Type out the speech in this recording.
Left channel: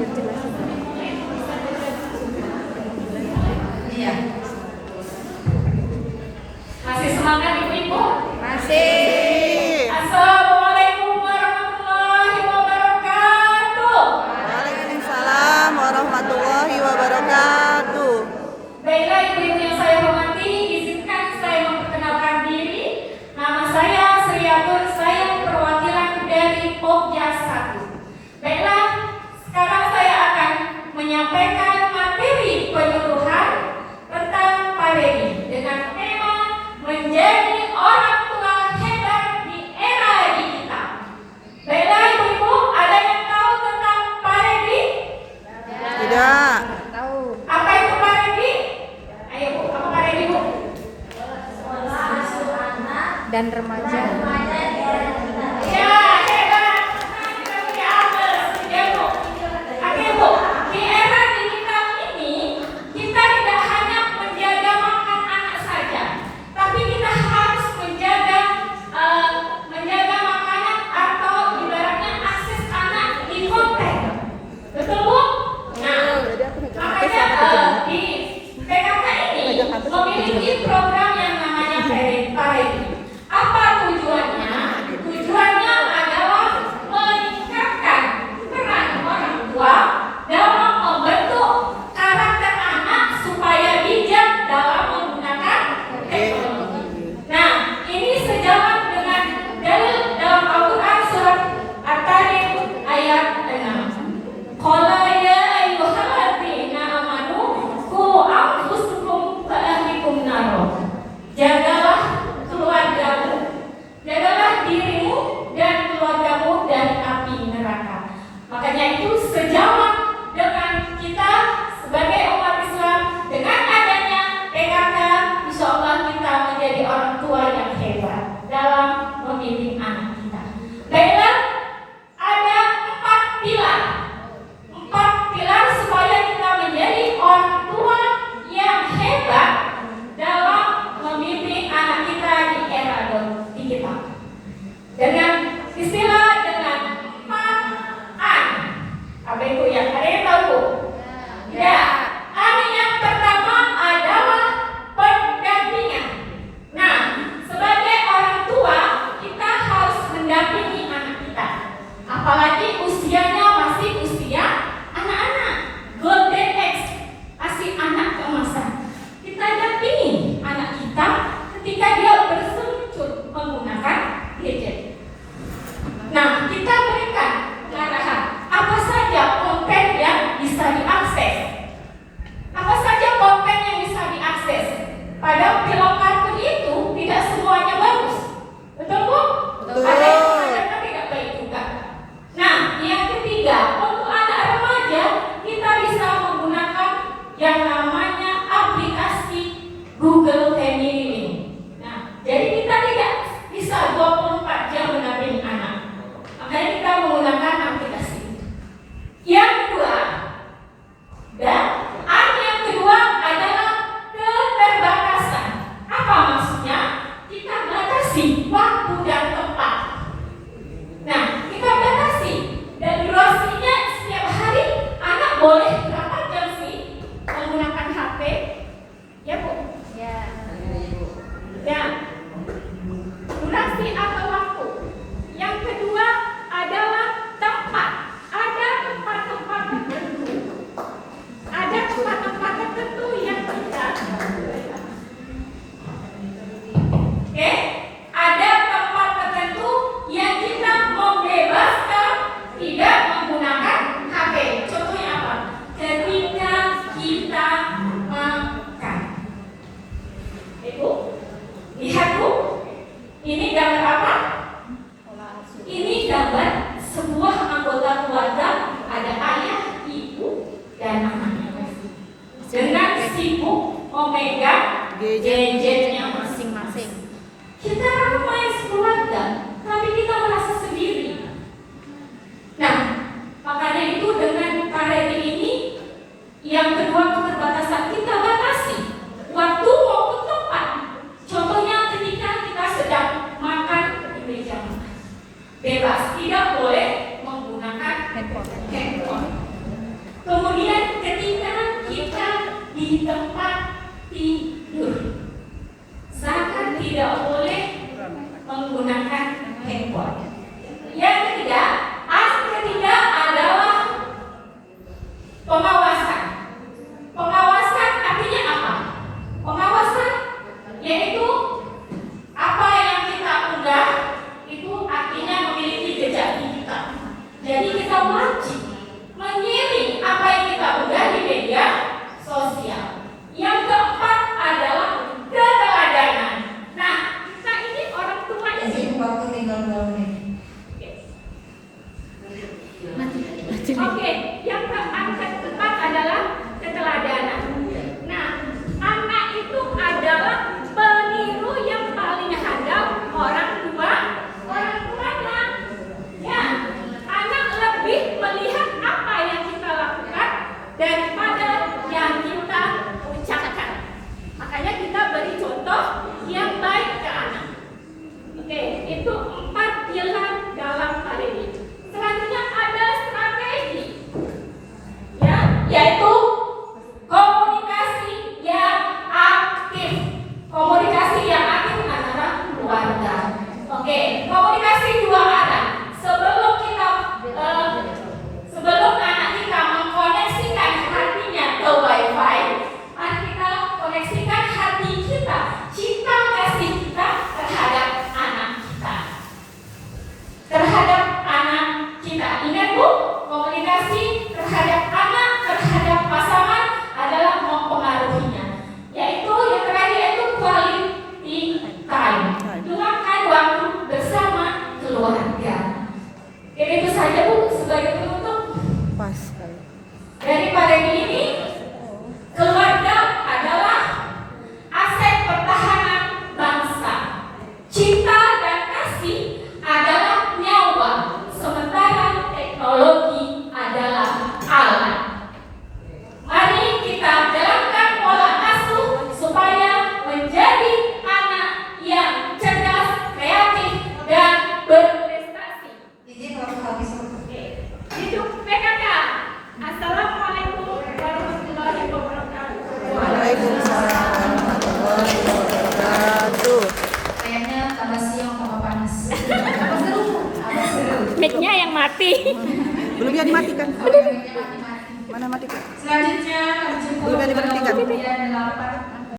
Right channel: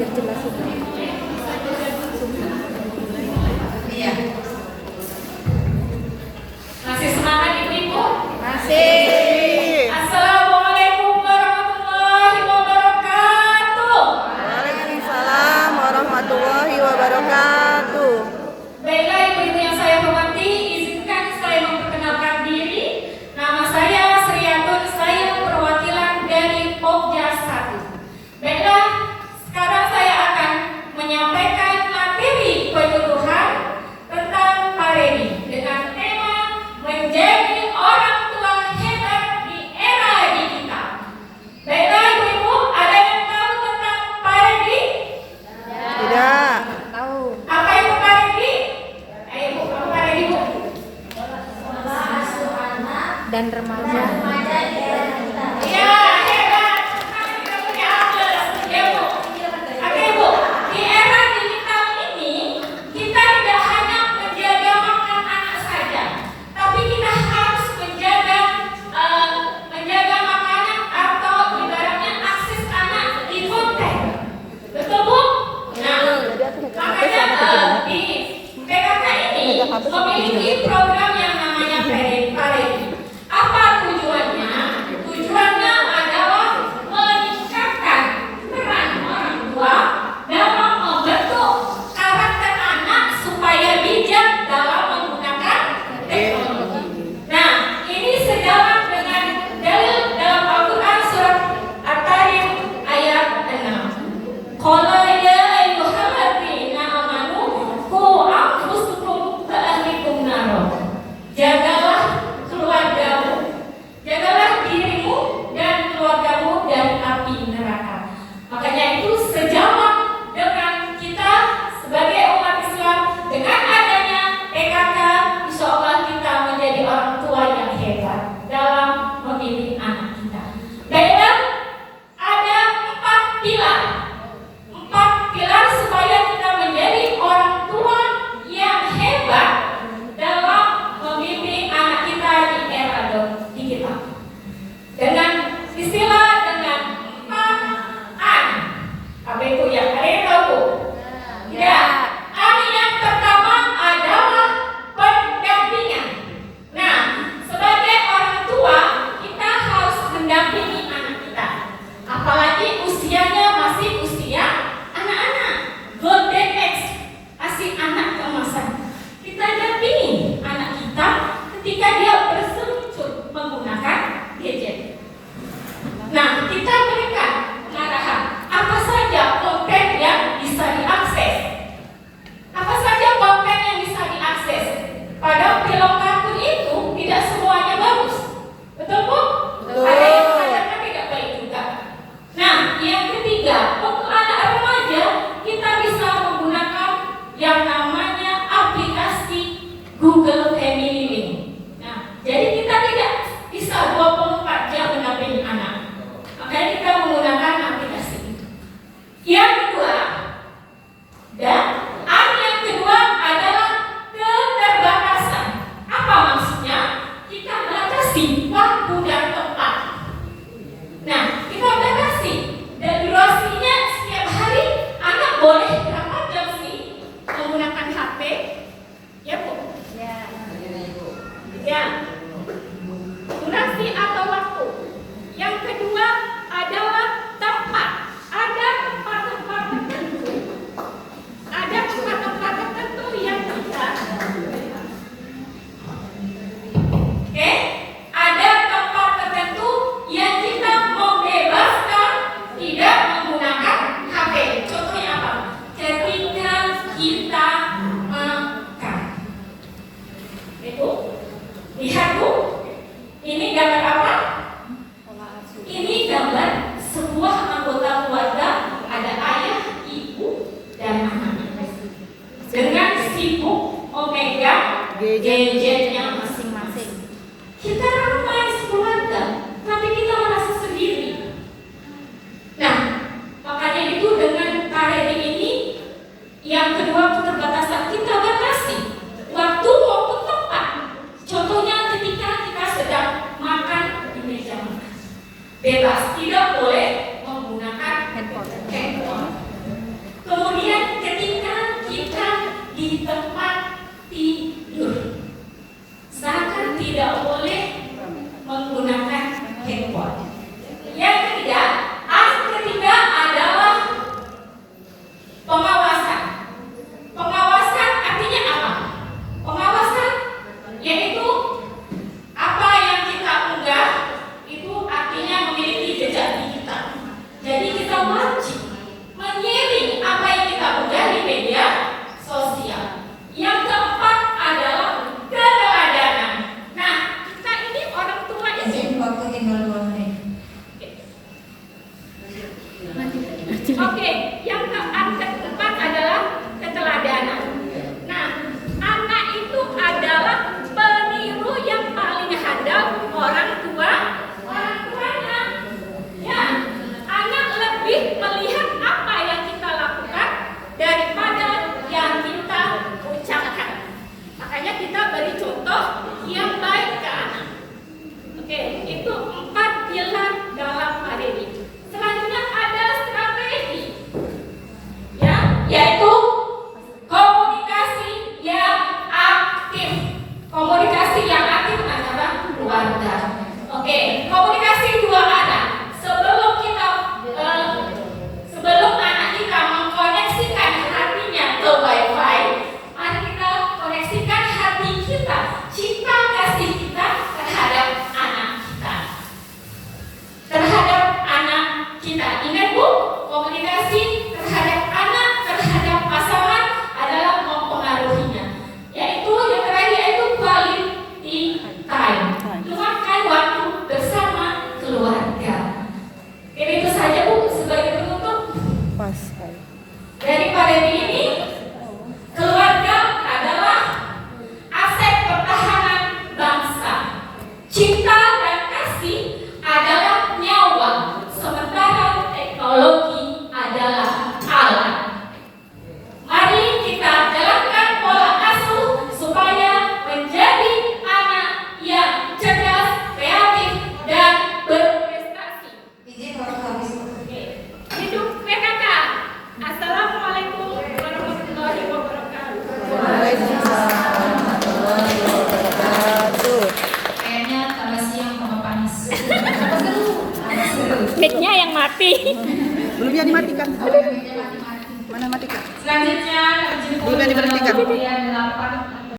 Iya. Masih semangat Ibu-ibu? Masih. Assalamualaikum warahmatullahi wabarakatuh. Waalaikumsalam warahmatullahi wabarakatuh. Baiklah Ibu-ibu yang saya hormati, izinkan saya memperkenalkan diri. Nama saya Sriatun, saya perwakilan dari Pokja 1. Baiklah, sekarang saya akan menyampaikan materi penyuluhan tentang Paredi dengan tema menjadi orang tua hebat di era digital. Baiklah Ibu-ibu, ada yang tahu tentang Paredi? Tidak. Apa itu Paredi? Ayo Bu, apa Paredi Bu? Dan remaja. Ya, hebat. Kita punya Agnes, ya Bu. Oke Bu, di era digital ini kita tidak hanya menjaga makan anak saja, tapi kita harus menjaga makanan atau ibaratnya akses anak di konten. Betul Bu? Nah, makanya di PKK ini memiliki program yang namanya Paredi. Apa tujuannya? Tujuannya adalah meningkatkan peran orang tua dalam membentuk karakter anak supaya bijak dalam menggunakan teknologi. Nah, ini sejalan dengan dalil dalam Al-Quran surat At-Tarim ayat 6. Qala ya ayyuhalladzina amanu qu anfusakum wa ahlikum nar. Jagalah keluargamu, jagalah dirimu dan keluargamu dari api neraka. Makanya itu sejalan dengan kita sebagai umat Islam, dengan adanya PKK, insya Allah kita menjadi orang tua yang hebat dalam memilih anak kita. Baiklah, ada 4 pilar. 4 pilar supaya kita menjadi orang tua yang hebat dalam membimbing anak kita di era digital. Dengan istilah dengan 4 apa itu ya? Ada yang tahu Bu? Ya. Yang pertama adalah pendampingan. Nah, sebagai orang tua kita harus mendampingi anak kita. Apalagi usianya masih usia anak-anak, golden age, masih anak keemasan. Kita dampingi anak kita ketika dia berseluncur menggunakan gadget. Nah, kita berikan pengarahan apa saja konten yang bisa diakses. Apa saja konten yang bisa diakses. Pada film kartun itu tidak semuanya bagus. Betul Bu? Betul. Ada yang tidak baik juga. Nah, yang ketiga, untuk anak remaja kita bisa menggunakan yang namanya aplikasi Google Family Link. Nah, jadi kita tidak bisa 24 jam mendampingi anak. Makanya kita menggunakan aplikasi itu. Yang kedua, yang kedua adalah keterbatasan. Apa maksudnya? Kita batasi waktu dan tempat. Nah, kita batasi dan durasinya setiap hari anak boleh berapa jam sih menggunakan HP? Ya Bu? Ya. Durasi atau waktu. Yang kedua adalah tempat. Ada tempat-tempat tertentu. Ada tempat-tempat tertentu yang kita ada tempat tertentu yang kita membebaskan tidak menggunakan HP. Contohnya apa? Ketika kita makan. Itu lihat Bu, ini gambar apa? Ini gambar sebuah anggota keluarga, ada ayah, ibu, dan anak. Dengan sibuk memegang gadgetnya Masing-masing. kita ramai sekeluarga, tapi kita merasa sendiri. Nah, makanya itu dengan Paredi ini, yang kedua keterbatasan kita batasi waktu maupun tempat. Contohnya ketika kita sedang makan di meja makan, bebas, tidak boleh menggunakan handphone. yang keempat adalah keteladanan. Nah, anak itu adalah peniru yang paling handal orang tuanya. Ya, anak lebih melihat apa yang kita lakukan daripada yang kita ucapkan. Makanya kita beri contoh yang baik ke anak. Oke, itu 4 pilar dalam Paredi. Selanjutnya ada strategi, ya, yaitu komunikasi yang aktif. Komunikasi yang aktif adalah keluarga. Oke, komunikasi dua arah. Sebelum anak kita mengkoneksikan hatinya ke WiFi, mari kita koneksikan hati kita, cinta kasih kita terhadap anak kita. Ingat Bu, komunikasi terhadap anak, terhadap pasangan adalah mempengaruhinya. Yaitu yang terakhir yaitu quality time. Luangkan waktu bersama keluarga. Jadi itu saja Bu sebagai penutup. Pas sekali. Dari Paredi ini, keluarga adalah aset pertahanan bangsa. Cinta dan kasih adalah nyawa, sementara teknologi adalah alat. Mari kita jalankan pola asuh supaya menjadi anak yang cerdas, kreatif, dan berprestasi. Oke. Hidup PKK. Assalamualaikum warahmatullahi wabarakatuh. Waalaikumsalam warahmatullahi wabarakatuh. Kayaknya tambah siang tambah panas. Mic-nya yang mati. Belum yang dimatikan. Mana matikan? Selanjutnya Belum yang diberhentikan. kemudian 8